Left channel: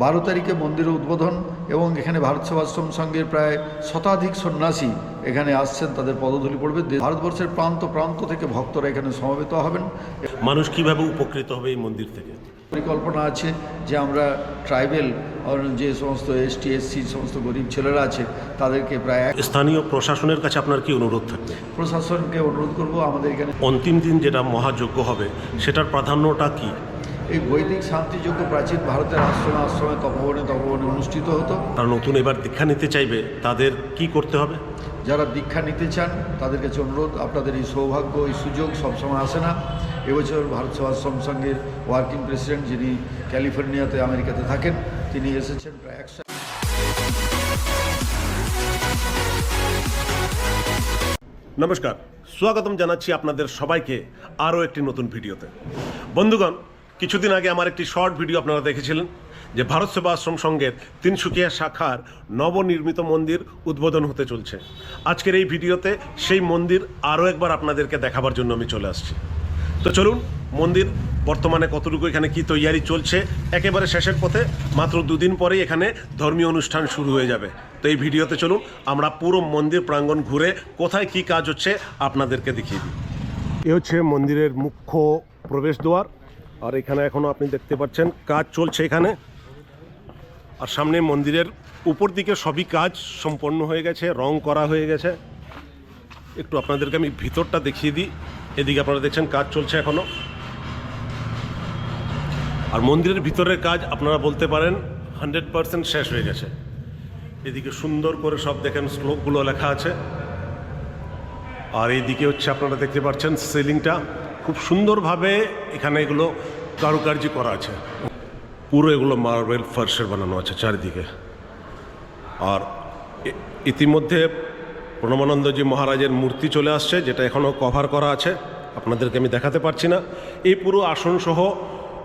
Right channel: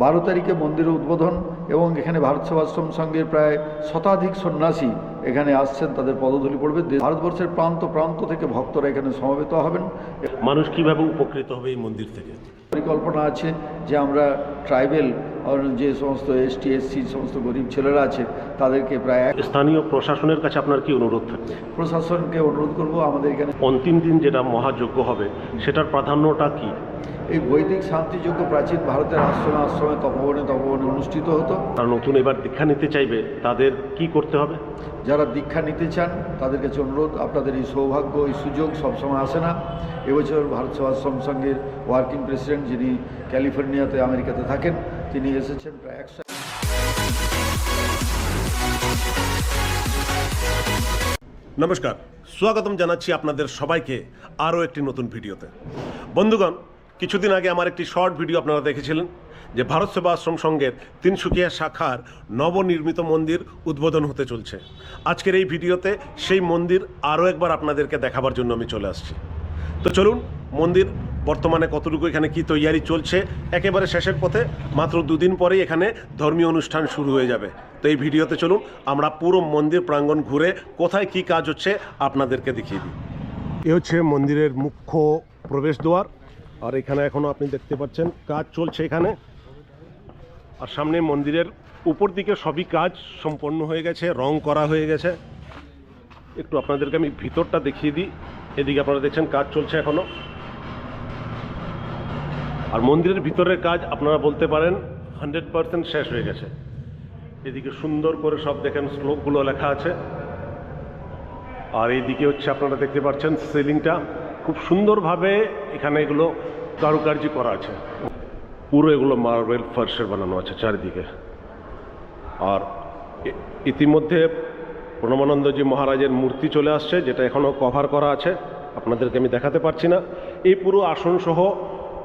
12 তারিখে মন্দির উদ্বোধন এবং এখানে ভারত সেবাশ্রম সংঘের প্রায় শতাধিক সন্ন্যাসী এখানে আসছেন, তাদের পদধূলি পড়বে। ভারতবর্ষের প্রান্ত প্রান্ত থেকে ভক্তরা এখানে সমবেত হবেন। মানুষ কিভাবে উপকৃত হবে এই মন্দির থেকে? পরিকল্পনা আছে যে আমরা ট্রাইবেল যে সমস্ত এসটি এসসি সমস্ত গরিব ছেলেরা আছে তাদেরকে প্রায় স্থানীয় প্রশাসনের কাছে আপনার কি অনুরোধ থাকবে? প্রশাসনকে অনুরোধ করব আমাদের এখানে অন্তিম দিন যেটা মহাযজ্ঞ হবে সেটার প্রাধান্যটা কি? এই বৈদিক শান্তিযজ্ঞ প্রাচীন ভারতের আশ্রমে আশ্রমে তপবনে অনুষ্ঠিত হতো। তারা নতুন এবার দীক্ষা নিতে চাইবে, তাদের কি করতে হবে? যারা দীক্ষা নিতে চান তাদের কাছে অনুরোধ, আপনাদের এই সৌভাগ্য এই সুযোগ সবসময় আসে না। এবছর ভারত সেবাশ্রম সংঘের ওয়ার্কিং প্রেসিডেন্ট, যিনি ক্যালিফোর্নিয়াতে আমেরিকাতে থাকেন, তিনি এসেছেন প্রায় 100। নমস্কার, স্বাগতম জানাচ্ছি আপনাদের সবাইকে আরও একটি নতুন ভিডিওতে। বন্ধুগণ, কিছুদিন আগে আমার একটি শর্ট ভিডিও আপনারা দেখেছিলেন যে ভারত সেবাশ্রম সংঘের তিনসুকিয়া শাখার নবনির্মিত মন্দির উদ্বোধন হতে চলছে। আজকের এই ভিডিওতে সেই মন্দির আরও একবার আপনাদেরকে দেখাবার জন্য আমি চলে আসছি। তো চলুন, মন্দির বর্তমানে কতটুকু, এখানে কি তৈয়ারি চলছে, একেবারে শেষের পথে, মাত্র দুদিন পরেই এখানে ধর্মীয় অনুষ্ঠান শুরু হয়ে যাবে। তো এই ভিডিওতে চলুন আমরা পুরো মন্দির প্রাঙ্গণ ঘুরে কোথায় কি কাজ হচ্ছে আপনাদেরকে দেখিয়ে দিই। এ হচ্ছে মন্দিরের মুখ্য প্রবেশদ্বার, আর এখানে এখনও আপনি দেখতে পাচ্ছেন কাজ চলছে এখানে। আর সামনে মন্দিরের উপর দিকে সবই কাজ সম্পন্ন হয়ে গেছে, রং করা হয়ে গেছে। একটু আপনাদেরকে আমি ভিতরটা দেখিয়ে দিই। এদিকে আপনারা দেখছেন কাজ চলছে এখনও। আর মন্দিরের ভিতরের কাজ আপনারা বলতে পারেন 100% শেষ হয়ে গেছে। এদিকে সুন্দর করে সব দেখেন শ্লোকগুলো লেখা আছে। আর এইদিকে হচ্ছে আপনারা দেখতে পাচ্ছেন সিলিংটা খুব সুন্দরভাবে এখানে এগুলো কারুকার্য করা আছে। পুরো এগুলো মার্বেল ফার্সের বানানো আছে চারিদিকে। আর ইতিমধ্যে প্রণবানন্দজি মহারাজের মূর্তি চলে আসছে, যেটা এখনও কভার করা আছে, আপনাদেরকে আমি দেখাতে পারছি না। এই পুরো আসনসহ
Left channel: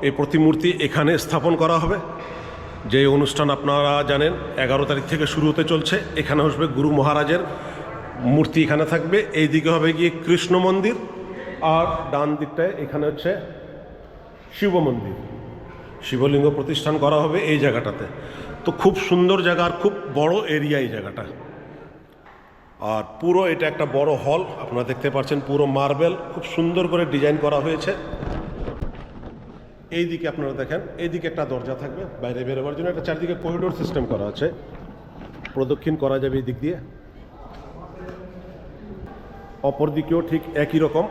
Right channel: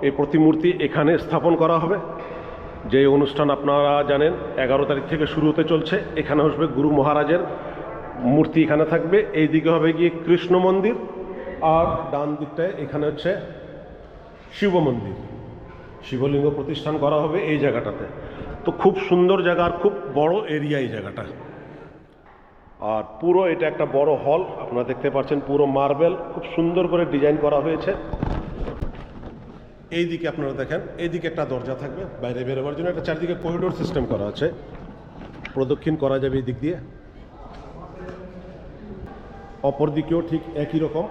এই প্রতিমূর্তি এখানে স্থাপন করা হবে। যে অনুষ্ঠান আপনারা জানেন 11 তারিখ থেকে শুরু হতে চলছে। এখানে আসবে গুরু মহারাজের মূর্তি, এখানে থাকবে। এই দিকে হবে গিয়ে কৃষ্ণ মন্দির, আর ডান দিকটায় এখানে হচ্ছে শিব মন্দির, শিবলিঙ্গ প্রতিষ্ঠান করা হবে এই জায়গাটাতে। তো খুব সুন্দর জায়গা, আর খুব বড় এরিয়া এই জায়গাটা। আর পুরো এটা একটা বড় হল, আপনারা দেখতে পাচ্ছেন পুরো মার্বেল খুব সুন্দর করে ডিজাইন করা হয়েছে। এই দিকে আপনারা দেখেন, এইদিকে একটা দরজা থাকবে বাইরে বেরোবার জন্য। একটা চারদিকে করিডোর সিস্টেম করা আছে, প্রদক্ষিণ করা যাবে এই দিক দিয়ে। অপর দিকেও ঠিক একই রকম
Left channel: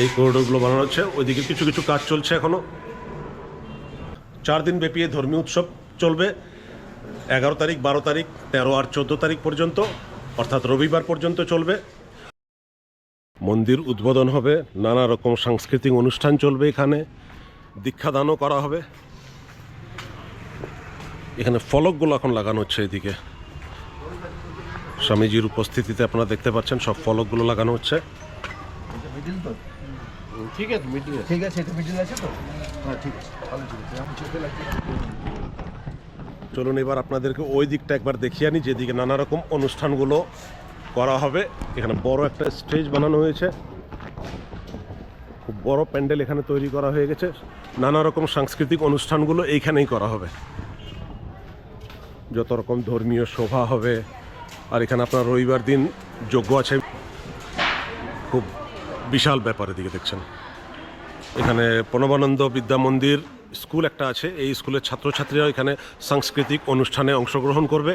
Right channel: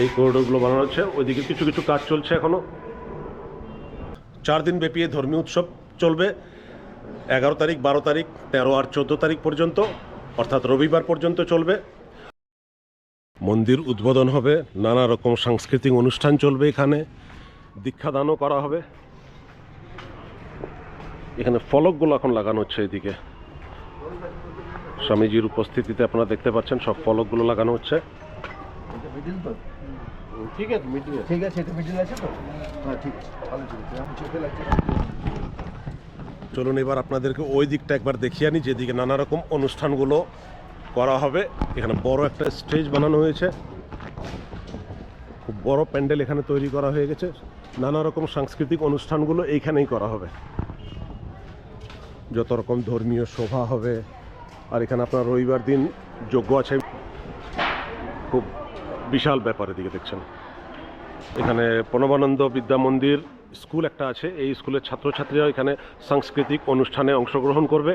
এই করিডোরগুলো বানানো হচ্ছে। ওইদিকে কিছু কিছু কাজ চলছে এখনো। 4 দিন ব্যাপী এই ধর্মীয় উৎসব চলবে। 11 তারিখ, 12 তারিখ, 13 আর 14 তারিখ পর্যন্ত, অর্থাৎ রবিবার পর্যন্ত চলবে। মন্দির উদ্বোধন হবে, নানা রকম সাংস্কৃতিক অনুষ্ঠান চলবে এখানে, দীক্ষাদানও করা হবে। এখানে ফলকগুলো এখন লাগানো হচ্ছে। এদিকে স্বামীজির উপস্থিতিতে আপনারা দেখতে পাচ্ছেন সব ফলকগুলো লাগানো হচ্ছে। চলুন এবার আপনাদেরকে ওই দিকটা একবার দেখিয়ে আনি, যেদিকে নানা রকম অনুষ্ঠানগুলো করা হবে। এখানে বড় একটা স্টেজ বানানো হয়েছে, খুব বড় প্যান্ডেল এখানে তৈরি করা হয়ে গেছে। নানা রকম সাংস্কৃতিক অনুষ্ঠানগুলো এইখানেই করা হবে, যত রকম ধর্মীয় শোভা হবে। আর এখানে আপনার রবিবার দিন যজ্ঞ আছে, খুব বিশাল ব্যাপার। এদিকে দেখছেন এখানে প্রণবানন্দ বিদ্যা মন্দির স্কুল একটা আছে, এই স্কুলের ছাত্রছাত্রীরা এখানে সাংস্কৃতিক অনুষ্ঠানে অংশগ্রহণ করবে।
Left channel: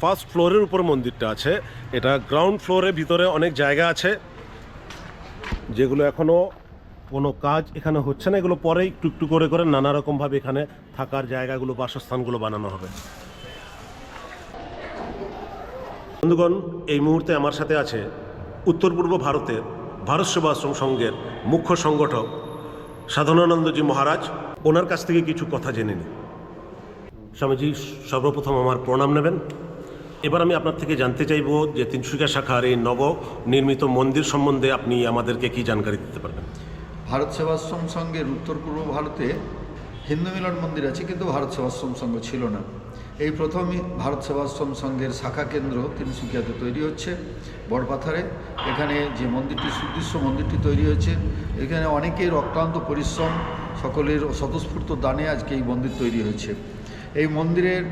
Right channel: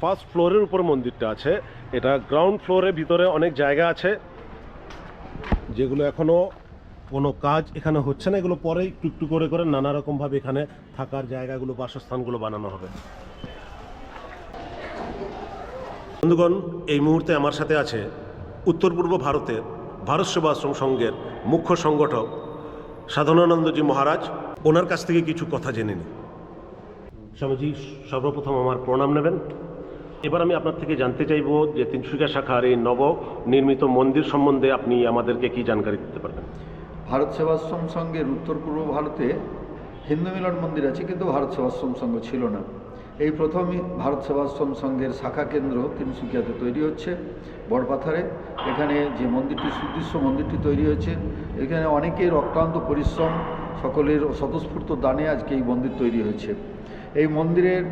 ফার্স্ট ফ্লোরের উপর মন্দিরটা আছে, এটা গ্রাউন্ড ফ্লোরের ভিতরে অনেক জায়গা আছে যেগুলো এখনও কোনো কাজ এখানে হচ্ছে না। এগুলো পরেই একটু একটু করে করে নানা রকমভাবে এখানে থাকার জায়গাগুলো, বাসস্থানগুলো বানানো হবে। বন্ধুগণ, এই মুহূর্তে আমার সাথে আছে উত্তর পূর্ব ভারতের ভারত সেবাশ্রম সংঘের মুখ্য সংগঠক সাধনানন্দজি মহারাজ। ওনার কাছ থেকে কিছু কথা জেনে নিই। স্বামীজি, সর্বপ্রথম আমার প্রণাম নেবেন। এবার আমি আপনার থেকে জানতে চাইব যে তিনসুকিয়া শাখার এই নবনির্মিত মন্দির সম্বন্ধে আপনি আমাদেরকে কি জানকারি দিতে পারবেন? ভারত সেবাশ্রম সংঘের উত্তর পূর্ব ভারতে হিন্দু মিলন মন্দির আছে, কিন্তু ভারত সেবাশ্রম সংঘ ছিল না। এই প্রথমই ভারত সেবাশ্রম সংঘের শাখা কেন্দ্র তিনসুকিয়াতে তৈরি হচ্ছে বড়পাথারে। এখানে যে মন্দিরটি সুদৃশ্য মন্দিরটি তৈরি হয়েছে, এখানে অনেকের অক্লান্ত পরিশ্রম, সকলের স্বতঃস্ফূর্ত দানে আজকে এই মন্দির তৈরি হয়েছে। এই মন্দিরের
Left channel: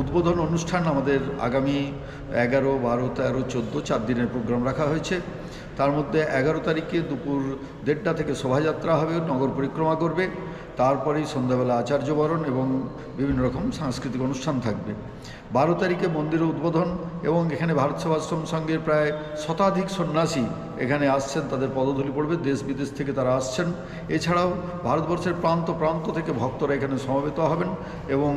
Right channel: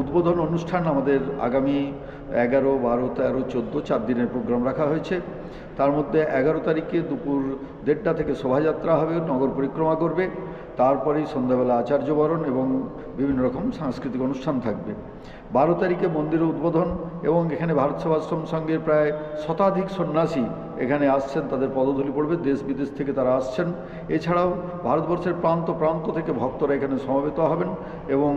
উদ্বোধন অনুষ্ঠান আমাদের আগামী 11, 12, 13, 14 4 দিনের প্রোগ্রাম রাখা হয়েছে। তার মধ্যে 11 তারিখে দুপুর 1:30 থেকে শোভাযাত্রা হবে, নগর পরিক্রমা করবে। তারপরেই সন্ধ্যাবেলা আচার্যবরণ এবং বিভিন্ন রকম সাংস্কৃতিক অনুষ্ঠান থাকবে। 12 তারিখে মন্দিরের উদ্বোধন, এবং এখানে ভারত সেবাশ্রম সংঘের প্রায় শতাধিক সন্ন্যাসী এখানে আসছেন, তাদের পদধূলি পড়বে, দেশ বিদেশ থেকে তারা আসছেন। এছাড়াও ভারতবর্ষের প্রান্ত প্রান্ত থেকে ভক্তরা এখানে সমবেত হবেন এবং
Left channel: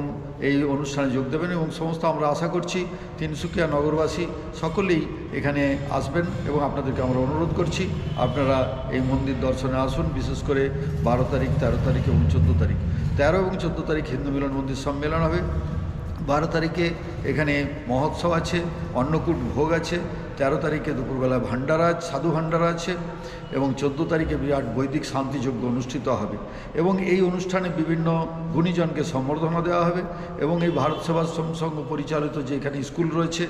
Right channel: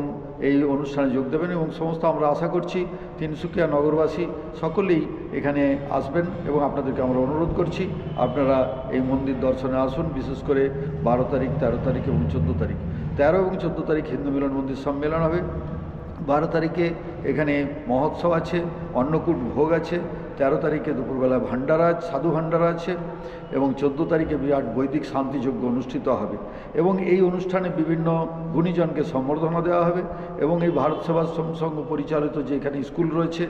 এই অনুষ্ঠানে যোগ দেবেন, এবং সমস্ত আমরা আশা করছি তিনসুকিয়া নগরবাসী সকলেই এখানে আসবেন, এবং আপনাদেরকে আমরা অনুরোধ করছি আপনারা এই মন্দির দর্শনে আসুন। বিশেষ করে 12 তারিখ, 13 তারিখ এবং 14 তারিখ। 13 এবং 14 তারিখ হিন্দু মিলন মন্দির সম্মেলন হবে। 12 তারিখে এখানে মহোৎসব আছে, অন্নকূট ভোগ আছে। 13 তারিখে দুপুরবেলা ভান্ডারা, সাধু ভান্ডারা আছে, এবং 14 তারিখে বিরাট বৈদিক শান্তিযজ্ঞ অনুষ্ঠিত হবে। এবং এই অনুষ্ঠানে বিভিন্ন গুণীজনকে সম্বর্ধনা দেওয়া হবে, এবং এই ভারত সেবাশ্রম সংঘ পরিচালিত যে এখানে স্কুল রয়েছে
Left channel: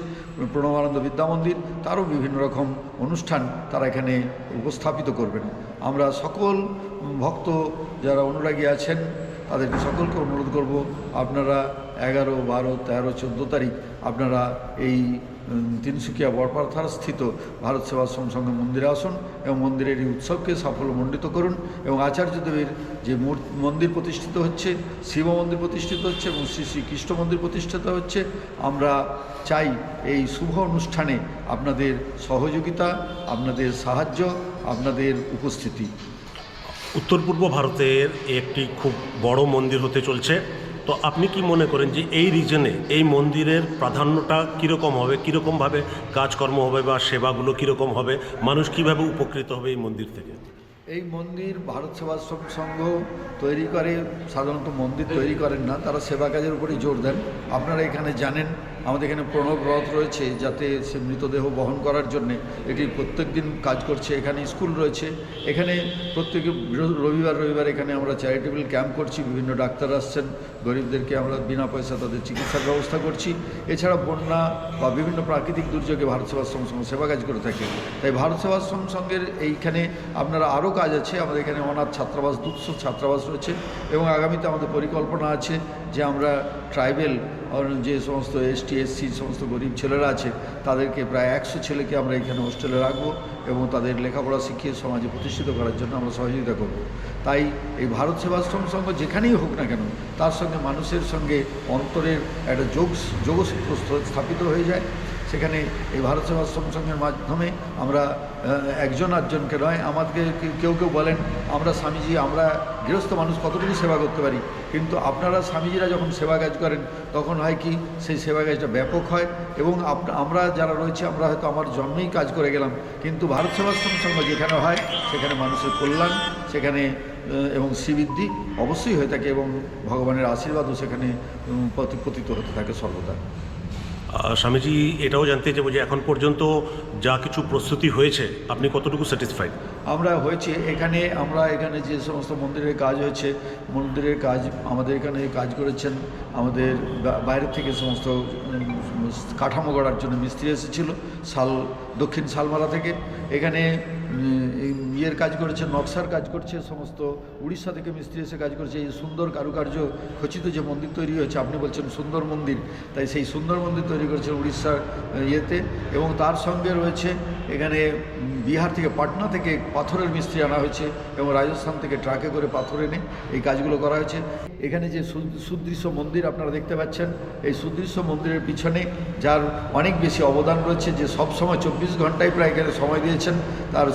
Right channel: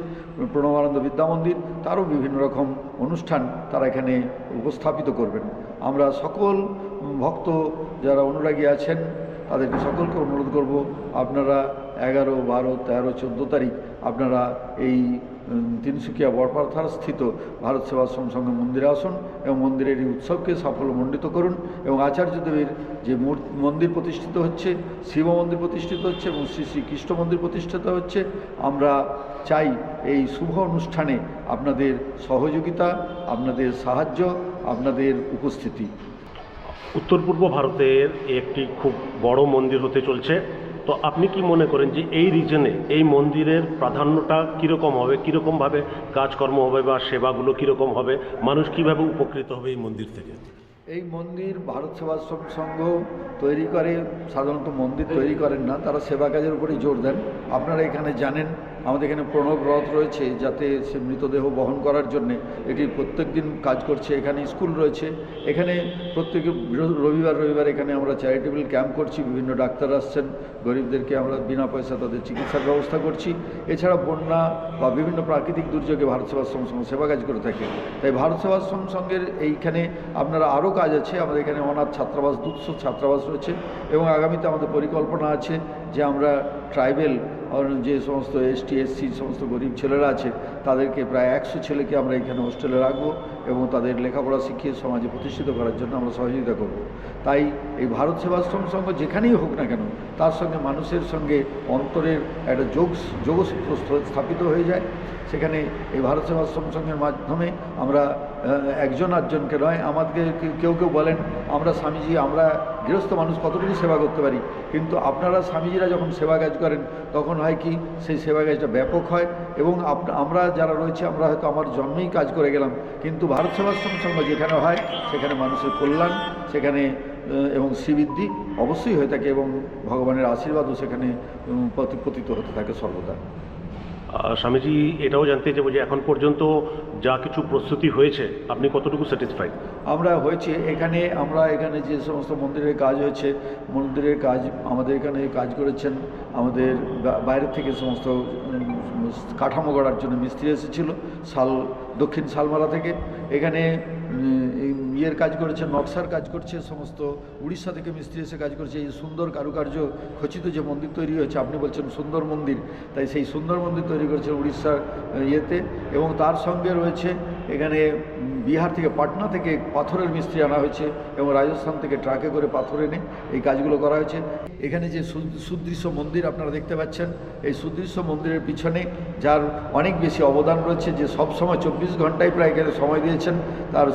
প্রণবানন্দ বিদ্যা মন্দির, তারও বিভিন্ন রকম অনুষ্ঠান তারা এখানে উপস্থাপিত করবেন। আমরা সকল ভক্ত যারা অনুরাগী আছেন তাদেরকে সকলকে অনুরোধ করব, আপনারা 11, 12, 13, 14 তারিখ আপনারা এই তিনসুকিয়া বড়পাথার স্থিত ভারত সেবাশ্রম সংঘ মন্দিরে আসুন এবং মন্দিরের এই উৎসবকে সাফল্যমণ্ডিত করুন। এবং আচার্যদেবের যে মন্দির প্রতিষ্ঠিত হচ্ছে, শিব মন্দির প্রতিষ্ঠিত হচ্ছে এবং শ্রী শ্রী কৃষ্ণ মন্দির প্রতিষ্ঠিত হচ্ছে, আমরা চাই এই শুভ অনুষ্ঠানে আপনাদের সহযোগিতা, আপনাদের সাহায্য, আপনাদের উপস্থিতি। উত্তর পূর্ব ভারতের একটি খুব বড় মন্দির হতে চলছে, তো আপনি কি মনে করেন যে এই রিজনে এই মন্দিরের প্রাধান্যটা কীরকম হবে, কীরকমভাবে কাজকর্ম হবে বা সেবাগুলো কীরকম হবে, মানুষ কীভাবে উপকৃত হবে এই মন্দির থেকে? এই মন্দির ভারত সেবাশ্রম সংঘ তৈরি করে, সাধারণত মন্দির তৈরি করেন না, তারা সেবা কাজের উপরেই জোর দেন। আপনারা এখানে জানেন আমাদের এখানে প্রণব রথ রয়েছে, যাতে সে মৃতদেহ বহন করার জন্যে এটি প্রত্যেক দিন কাজ করছে। এখানে স্কুল রয়েছে, এখানে প্রত্যেক রবিবার এখানে আমরা চ্যারিটেবল ক্যাম্প করছি, বিভিন্ন ডাক্তার আসছেন, গরিবদেরকে আমরা বিনা পয়সা তাদের চিকিৎসার ব্যবস্থা করছি। এছাড়া বন্যা বা বিভিন্ন প্রাকৃতিক দুর্যোগে ভারত সেবাশ্রম সংঘ সেবা কাজ করে থাকে। তাই ভারত সেবাশ্রম সংঘের এইখানে আপনারা আরও কাজ আছে। আমাদের এখানে অনাথ ছাত্রাবাস, 200 ছাত্রাবাস রয়েছে, এবং আগামীতে আমাদের পরিকল্পনা আছে যে আমরা ট্রাইবেল যে সমস্ত ST SC সমস্ত গরিব ছেলেরা আছে তাদেরকে প্রায় 100 ছেলেকে আমরা এখানে হোস্টেলে রাখবো এবং তাদের লেখাপড়া শিখিয়ে সমাজে প্রতিষ্ঠিত করার জন্য আমরা সহযোগিতা করব। তাই এই ভারত সেবাশ্রম সংঘ যেখানেই হোক না কেন, তার সঙ্গে মানুষের সঙ্গে অন্তরের একটা যোগসূত্র স্থাপিত হয়ে যায়। সেখানে এই ভারত সেবাশ্রম সংঘের মাধ্যমে আমরা একজন আটজনকে নয়, আমাদেরকে কেউ বলেন আমরা স্বামীজি, আমরা গৃহস্থ মানুষ কতটুকু সেবা করতে পারি, কিন্তু আপনারা স্বামীজিরা যখন সেবা কাজ করেন তখন হয় কি সেই সেবা কাজটা ব্যাপক হয়। এবং আমরা যারা রয়েছে আমরা হয়তো আমার জন্মেই কাজ করে গেলাম, কিন্তু ভারত সেবাশ্রম সংঘ যেখানে হয় সেখানে মানুষের কল্যাণ, সেখানে এবং শ্রীবৃদ্ধি অবশ্যই হয়ে থাকে, এবং ভগবানের আশীর্বাদও সেখানে পতিত হতে থাকে সর্বদা। স্বামীজি, এটাও জানতে চাইব যে এখন পর্যন্ত যা কিছু প্রস্তুতি হয়েছে আপনি কতটুকু স্যাটিসফাইড? আমরা হয়েছে আমরা এখানে যে সমস্ত মন্দিরের কাজ হয়েছে, মন্দিরের কাজ আমাদের এখানে কাজ করেছেন আমাদের বাইরের থেকে সমস্ত কাঠামো গড়ার জন্য মিস্ত্রি এসেছিল দক্ষিণ শালমারা থেকে। এখানে ইয়ের কাজ করেছে, নকশার কাজ করছে, সমস্ত উড়িষ্যা থেকে মিস্ত্রি এসে কাজ করছে। এই সুন্দর কারুকার্য খচিত যে মন্দির তৈরি হয়েছে, আপনি বলছেন সুন্দর মন্দির, তাই সেই সুন্দর মন্দির তৈরি করেছে উড়িষ্যার ইয়েতে। এবং তার সঙ্গে রয়েছে এখানে বিহার থেকে, পাটনা থেকে পাথরের মিস্ত্রি আনা হয়েছে, এবং রাজস্থান থেকে ট্রাকে করে পাথর এনে এই কাজগুলো করা হয়েছে। এখানে যে সুদৃশ্য মন্দির আপনারা দেখতে পাচ্ছেন, এই সুদৃশ্য মন্দিরের পিছনে যার অনেক বেশি অবদান রয়েছে, যে সব সময় 24 ঘন্টায় প্রায় এখানে সময় দিয়েছেন, তার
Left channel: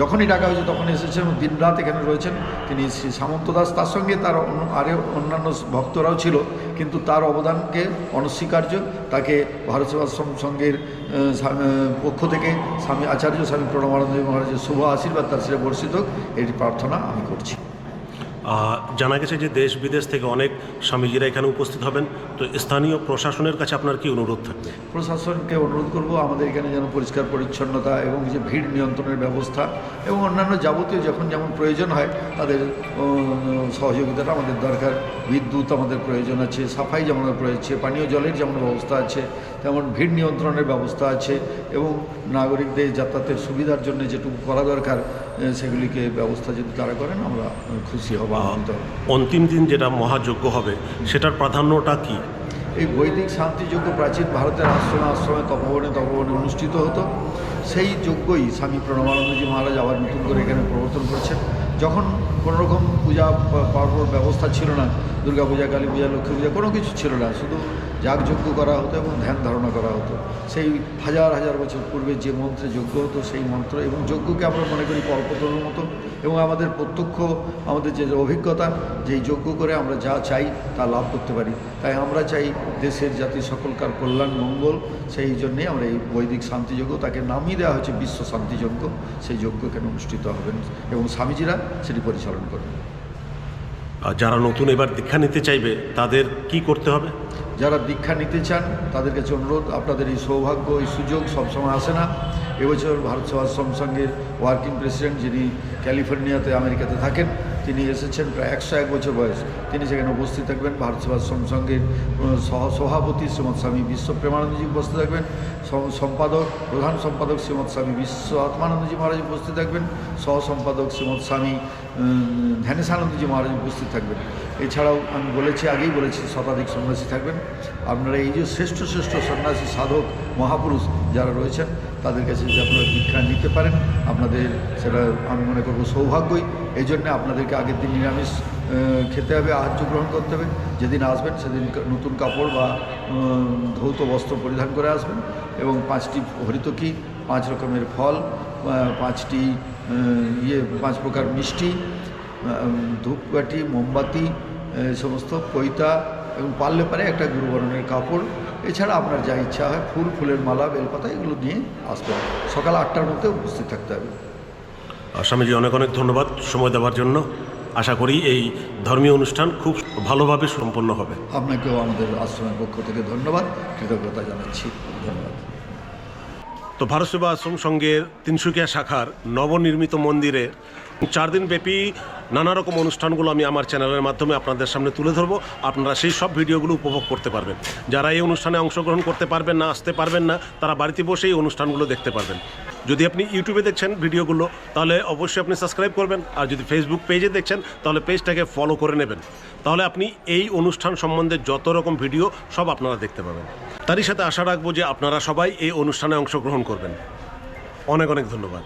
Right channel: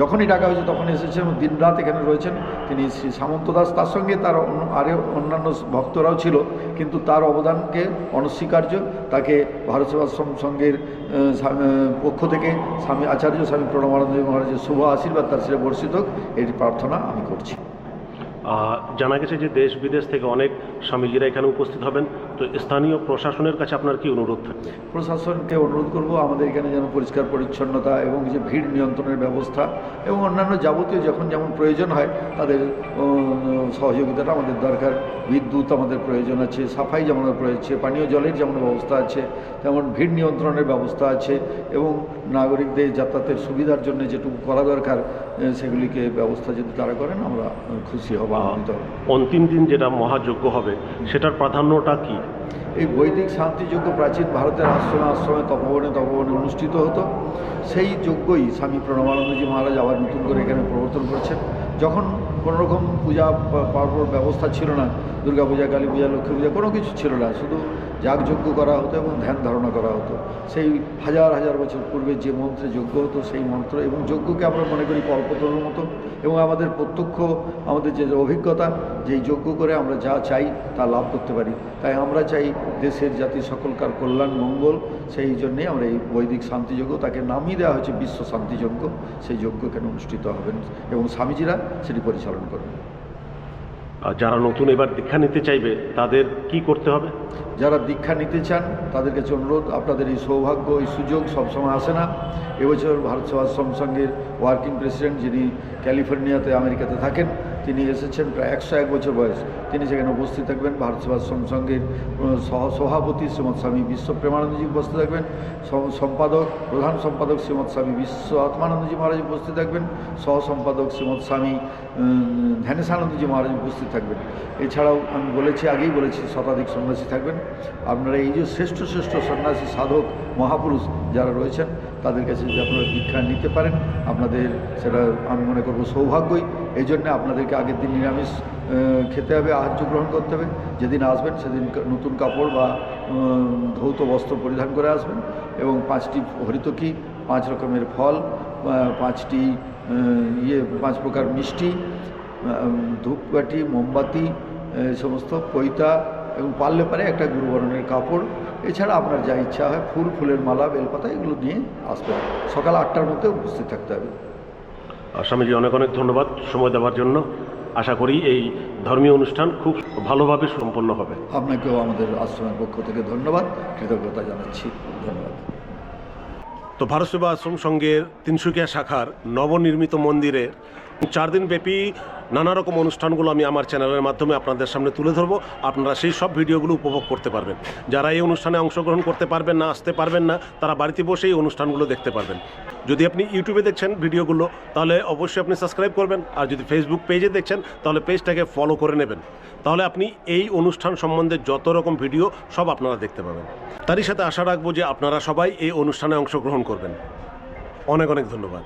যখনই ডাকা হয়েছে তখন এসেছেন, দিন রাত এখানে রয়েছেন তিনি শ্রী সামন্ত দাস। তার সঙ্গে তার অন্যান্য ভক্তরাও ছিল, কিন্তু তার অবদানকে অনস্বীকার্য। তাকে ভারত সেবাশ্রম সংঘের পক্ষ থেকে আচার্য স্বামী প্রণবানন্দ মহারাজের শুভ আশীর্বাদ তার শ্রী বর্ষিত হোক, এটি প্রার্থনা আমি করছি। জানা গেছে যে দেশ বিদেশ থেকে অনেক স্বামীজিরা এখানে উপস্থিত হবেন, তো তো স্থানীয় প্রশাসনের কাছে আপনার কি অনুরোধ থাকবে? প্রশাসনকে অনুরোধ করব আমাদের এখানে যেন পরিষ্কার পরিচ্ছন্নতা এবং যে ভিড় নিয়ন্ত্রণের ব্যবস্থা এবং অন্যান্য যাবতীয় যখন যেমন প্রয়োজন হয় তাদের সহযোগিতাটা আমাদের দরকার। বিদ্যুৎ আমাদের প্রয়োজন আছে, সাফাই যেমন প্রয়োজন, পানীয় জলের যেমন ব্যবস্থা আছে তেমন ভিড় নিয়ন্ত্রণের ব্যবস্থা আছে এবং নাগরিকদের যাতায়াতের সুবিধার জন্য যেটুকু করা দরকার সেগুলিকে ব্যবস্থা যদি তারা করেন আমরা খুশি হব, আনন্দিত হব। অন্তিম দিন যেটা মহাযজ্ঞ হবে সেটার প্রাধান্যটা কি? এই বৈদিক শান্তিযজ্ঞ প্রাচীন ভারতের আশ্রমে তপবনে অনুষ্ঠিত হতো। সেই যজ্ঞই স্বামী প্রণবানন্দজি মহারাজ আবার নতুন করে এখানে প্রবর্তন করেছেন। যখন কোনোরকম পূজা পার্বণ ব্যবস্থা ছিল না, দুর্গা পূজা, কালী পূজা, লক্ষ্মী পূজা কোনো কিছু ছিল না, শুধু যাগযজ্ঞ করা হতো এবং ধ্যান ধারণা করা হতো। সেই হাজার হাজার বছর পূর্বে যে মন্ত্রে যজ্ঞ হতো সেই মন্ত্র এবং যজ্ঞকে আমরা মনে করি কল্পতরুর মতো এবং আমাদের প্রত্যক্ষ আমাদের যে অভিজ্ঞতা যে যজ্ঞ করে আমরা যা চাই তা লাভ করতে পারি। তাই আমরা চাই দেশের জাতির সকলকার কল্যাণ মঙ্গল, সেই জন্যেই আমরা এই বৈদিক শান্তিযজ্ঞ তাকে নামিয়ে দেওয়া হয়েছে বিশ্ব শান্তিযজ্ঞ। সেই যজ্ঞ এখানে অনুষ্ঠিত হবেন এবং স্বামীজিরা সেটি পরিচালনা করবেন। আর যারা নতুন এবার দীক্ষা নিতে চাইবে তাদের কি করতে হবে? যারা দীক্ষা নিতে চান তাদের কাছে অনুরোধ, আপনাদের এই সৌভাগ্য এই সুযোগ সবসময় আসে না। এবছর ভারত সেবাশ্রম সংঘের ওয়ার্কিং প্রেসিডেন্ট যিনি ক্যালিফোর্নিয়াতে আমেরিকাতে থাকেন তিনি এসেছেন, প্রায় 101 বছর বয়স। তিনি সেখানে উপস্থিত থাকবেন। ভারত সেবাশ্রম সংঘের সভাপতি শ্রীমৎ স্বামী বিশ্ব প্রেমানন্দজি উপস্থিত থাকবেন। প্রধান সম্পাদক শ্রীমৎ স্বামী বিশ্ব আত্মানন্দজি মহারাজ উপস্থিত থাকবেন। সহ সম্পাদক শ্রীমৎ স্বামী ধ্যানেশানন্দজি মহারাজ উপস্থিত থাকবেন। এছাড়াও আমি আগেই বলেছি শতাধিক সন্ন্যাসী থাকবেন। আপনারা এই যে শ্রেষ্ঠ সন্ন্যাসী সাধক মহাপুরুষ যারা রয়েছেন তাদের কাছে যদি আপনারা দীক্ষা নিতে পারেন আপনাদের সেটা আমি মনে করব সৌভাগ্যই। এই জন্যে আপনাদেরকে আগের দিন নিরামিষ খেতে হবে, আহার্য গ্রহণ করতে হবে। যেদিন আসবেন সেদিন নতুন কাপড় বা ধৌত বস্ত্র পরিধান করে আসবেন এবং 5টি হরিতকি, 5 রকমের ফল, 5টি 5 প্রকার মিষ্টি, ধূপকাঠি, মোমবাতি, সমস্ত পৈতা এবং পারলে পারে একটা গুরুবরণের কাপড়, এছাড়া আপনার যা ইচ্ছা হয় ফুলের মালা, বেলপাতা এগুলো নিয়ে আসবেন। সকাল 8টার মধ্যে উপস্থিত থাকতে হবে। স্বামীজি অনেক অনেক ধন্যবাদ সময় দেওয়ার জন্য। আশা করি এই ধর্মীয় অনুষ্ঠান খুব ভালোভাবে সম্পন্ন হবে। আপনাকেও আমাদের আশ্রমের পক্ষ থেকে ধন্যবাদ, কৃতজ্ঞতা জানাচ্ছি। ধন্যবাদ। তো ভারত সেবা আশ্রম সংঘের তিনসুকিয়া শাখার নবনির্মিত মন্দিরে 4 দিন ব্যাপী নানা রকম অনুষ্ঠানগুলো আমি আমার চ্যানেলের মাধ্যমে আপনাদের সামনে তুলে ধরবো। আপনারা সেই সব ভিডিওগুলো উপভোগ করতে পারবেন। যারা এই অনুষ্ঠানে অংশগ্রহণ করতে পারবেন না, আসতে পারবেন না, তারা বাড়িতে বসে এই অনুষ্ঠানগুলো দেখতে পারবেন। যদি আপনি ইউটিউবে দেখছেন ভিডিওগুলো তাহলে অবশ্যই আপনি সাবস্ক্রাইব করবেন, আর যদি ফেসবুক পেজে দেখছেন তাহলে পেজটাকে ফলো করে নেবেন। তাহলে আপনি এই অনুষ্ঠান সম্বন্ধে যত রকম ভিডিও সব আপনারা দেখতে পাবেন। তারই সাথে আশা রাখবো যে আপনারা সবাই এই অনুষ্ঠানে অংশগ্রহণ করবেন। অনেক অনেক ধন্যবাদ।